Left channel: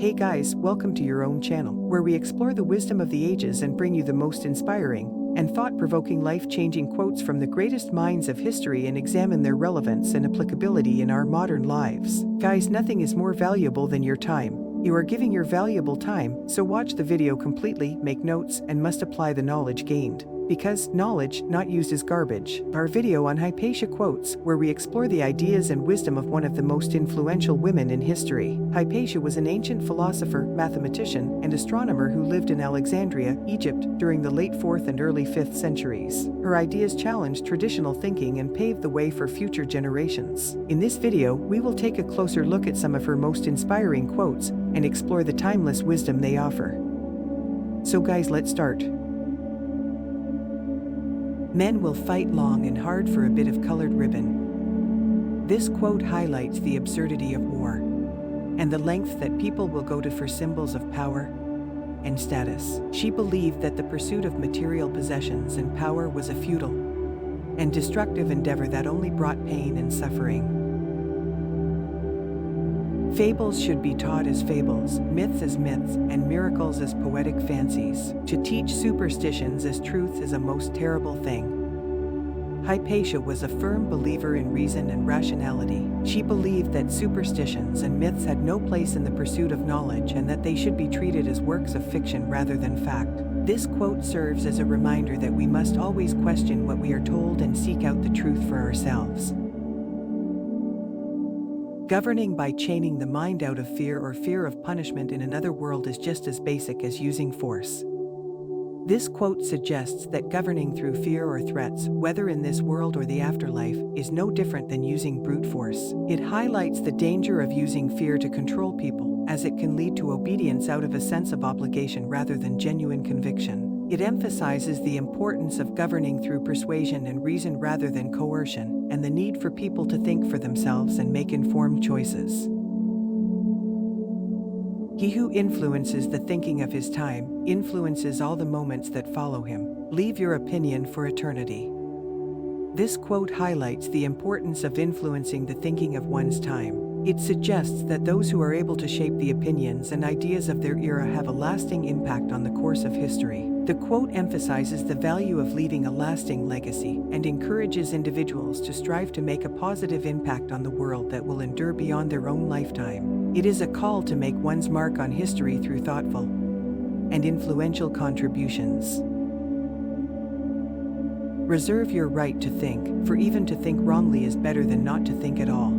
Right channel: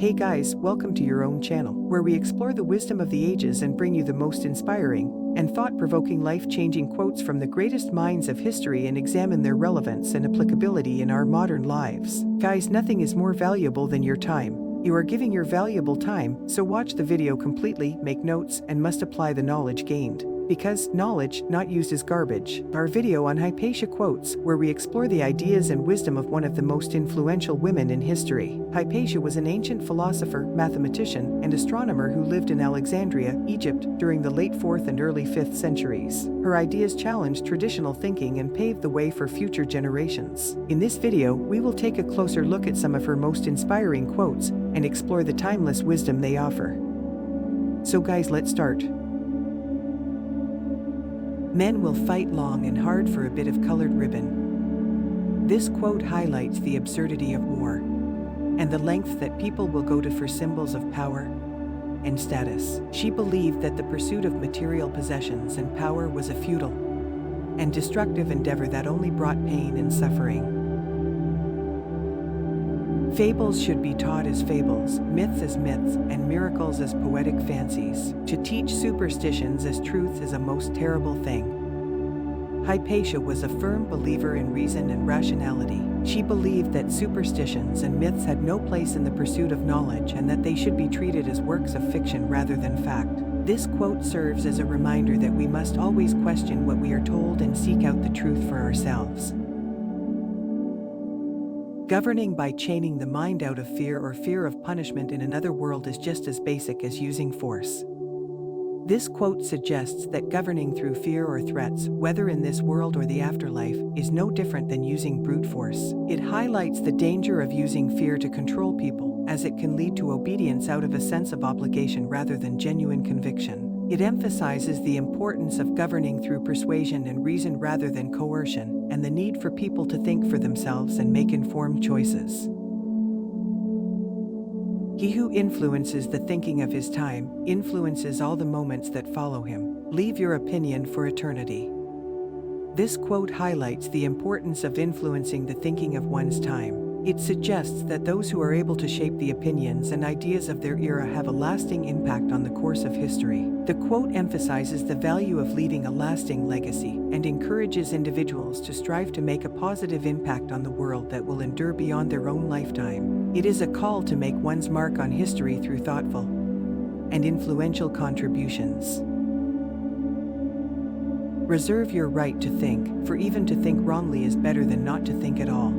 Hey guys, welcome to your own channel, where we explore the wisdom of the ages and bring you the most inspiring and thought-provoking life-changing quotes from the greatest minds of history and examine their relevance and applicability in our modern lives. Guys, nothing is more valuable than your time. You are giving your valuable time, so watch the video completely, make notes, and must apply the knowledge gained. Because knowledge not used is garbage. Our video on Hypatia quotes, where we explore the ideas and wisdom of one of the most influential women in history. Hypatia was an ancient philosopher, mathematician, and astronomer who lived in Alexandria, Egypt, during the late 4th and early 5th centuries. Her ideas challenged traditional thinking and paved the way for future generations. In this video, we will take a closer look at some of her most inspiring quotes and explore the timeless wisdom they offer. So guys, let's start. Men will fight long and hard for a bit of colored ribbon. This quote highlights the absurdity of war and the length that people will go to for symbols of power and status. She believed that the pursuit of material possessions and power was a futile and destructive endeavor that only brought pain and suffering. Fables should be taught as fables, myths as myths, and miracles as poetic fancies. To teach superstitions as truth is a most terrible thing. Hypatia was a firm believer in reason and rationality. She believed that superstitions and myths had no place in the pursuit of knowledge and that they should be treated as works of fiction rather than fact. This quote serves as a reminder that we must always question what we are told and seek out the truth for ourselves. Governing by chaining the mind out of fear or fear of punishment in another world is just as basic as using force. This quote suggests that governing through fear or threats, whether in this world or the afterlife, is no different than using brute force. It highlights the danger of using fear to control people, as it can lead to obedience out of a sense of obligation rather than genuine conviction. It emphasizes the importance of governing through persuasion and reason rather than coercion, and the need for people to think for themselves and make informed choices. He who influences the thinking of his time influences all the moments that follow him. Leave your opinion for eternity. This quote highlights the importance of influencing the thinking of one's time. It suggests that those who are able to shape the opinions and ideas of their era have a lasting impact on the course of history. The quote emphasizes the value of leaving a lasting legacy and encourages individuals to strive to make a positive impact on the world that will endure beyond their own lifetime. It is a call to make one's mark on history through thoughtful and influential contributions. Reserve your right to think, for even to think wrongly is better than not to think at all.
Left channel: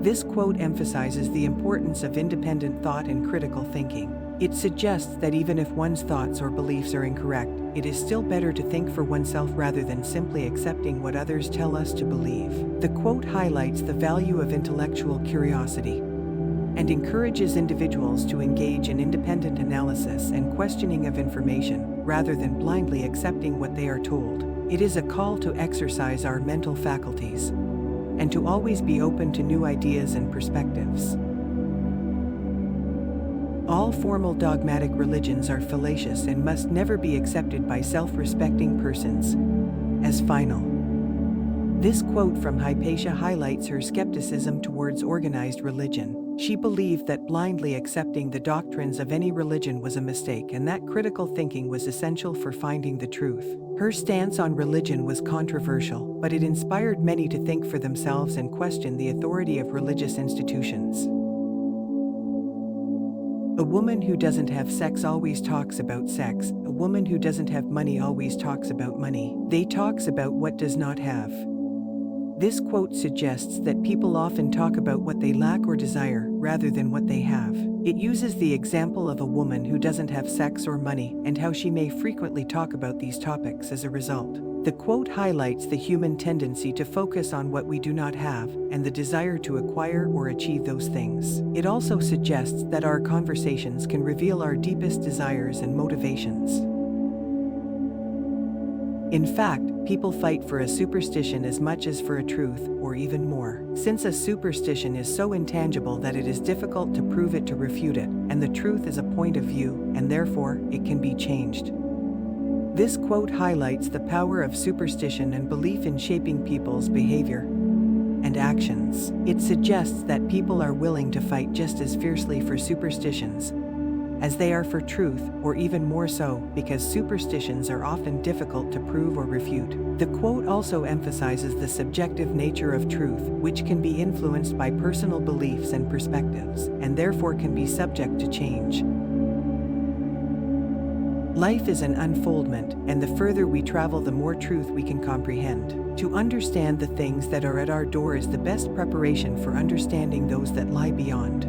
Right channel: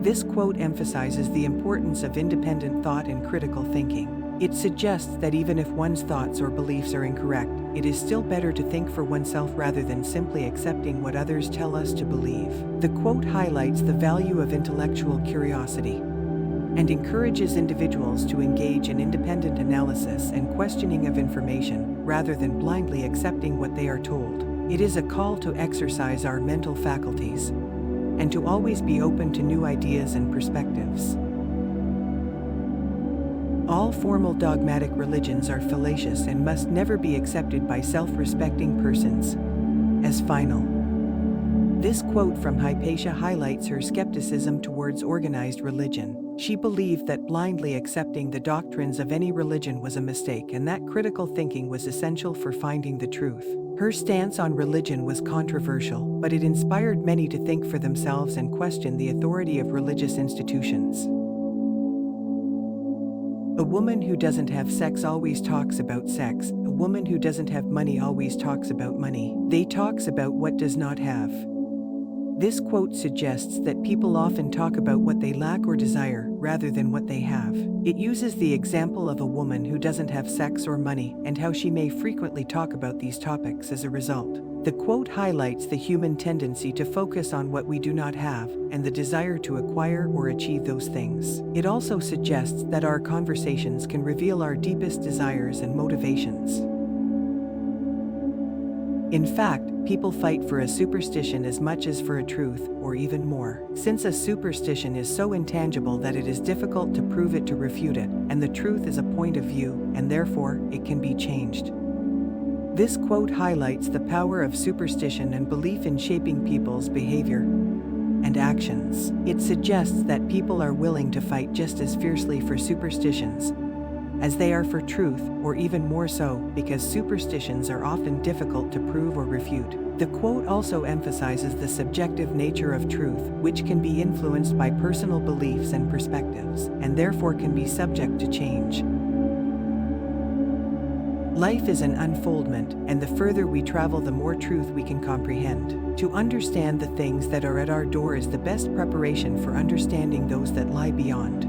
This quote emphasizes the importance of independent thought and critical thinking. It suggests that even if one's thoughts or beliefs are incorrect, it is still better to think for oneself rather than simply accepting what others tell us to believe. The quote highlights the value of intellectual curiosity and encourages individuals to engage in independent analysis and questioning of information, rather than blindly accepting what they are told. It is a call to exercise our mental faculties and to always be open to new ideas and perspectives. All formal dogmatic religions are fallacious and must never be accepted by self-respecting persons as final. This quote from Hypatia highlights her skepticism towards organized religion. She believed that blindly accepting the doctrines of any religion was a mistake and that critical thinking was essential for finding the truth. Her stance on religion was controversial, but it inspired many to think for themselves and question the authority of religious institutions. A woman who doesn't have sex always talks about sex. A woman who doesn't have money always talks about money. They talks about what does not have. This quote suggests that people often talk about what they lack or desire, rather than what they have. It uses the example of a woman who doesn't have sex or money, and how she may frequently talk about these topics as a result. The quote highlights the human tendency to focus on what we do not have, and the desire to acquire or achieve those things. It also suggests that our conversations can reveal our deepest desires and motivations. In fact, people fight for a superstition as much as for a truth, or even more. Since a superstition is so intangible that it is difficult to prove it to refute it, and the truth is a point of view, and therefore, it can be changed. This quote highlights the power of superstition and belief in shaping people's behavior and actions. It suggests that people are willing to fight just as fiercely for superstitions as they are for truth, or even more so, because superstitions are often difficult to prove or refute. The quote also emphasizes the subjective nature of truth, which can be influenced by personal beliefs and perspectives, and therefore can be subject to change. Life is an unfoldment, and the further we travel, the more truth we can comprehend. To understand the things that are at our door is the best preparation for understanding those that lie beyond.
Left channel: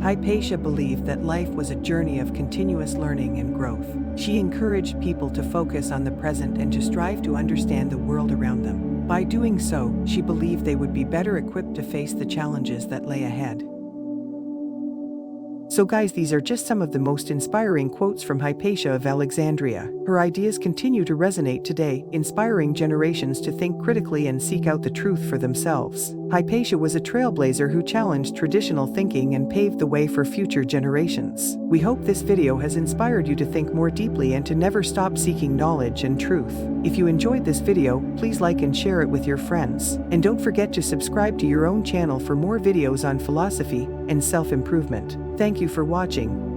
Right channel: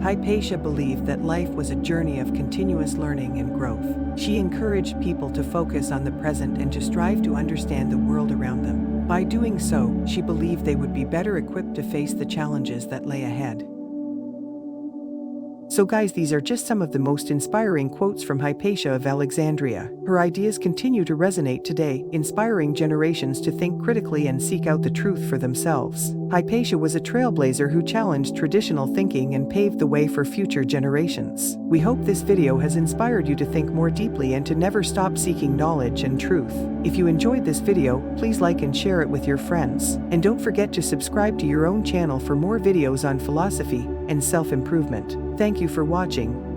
Hypatia believed that life was a journey of continuous learning and growth. She encouraged people to focus on the present and to strive to understand the world around them. By doing so, she believed they would be better equipped to face the challenges that lay ahead. So guys, these are just some of the most inspiring quotes from Hypatia of Alexandria. Her ideas continue to resonate today, inspiring generations to think critically and seek out the truth for themselves. Hypatia was a trailblazer who challenged traditional thinking and paved the way for future generations. We hope this video has inspired you to think more deeply and to never stop seeking knowledge and truth. If you enjoyed this video, please like and share it with your friends. And don't forget to subscribe to your own channel for more videos on philosophy and self-improvement. Thank you for watching.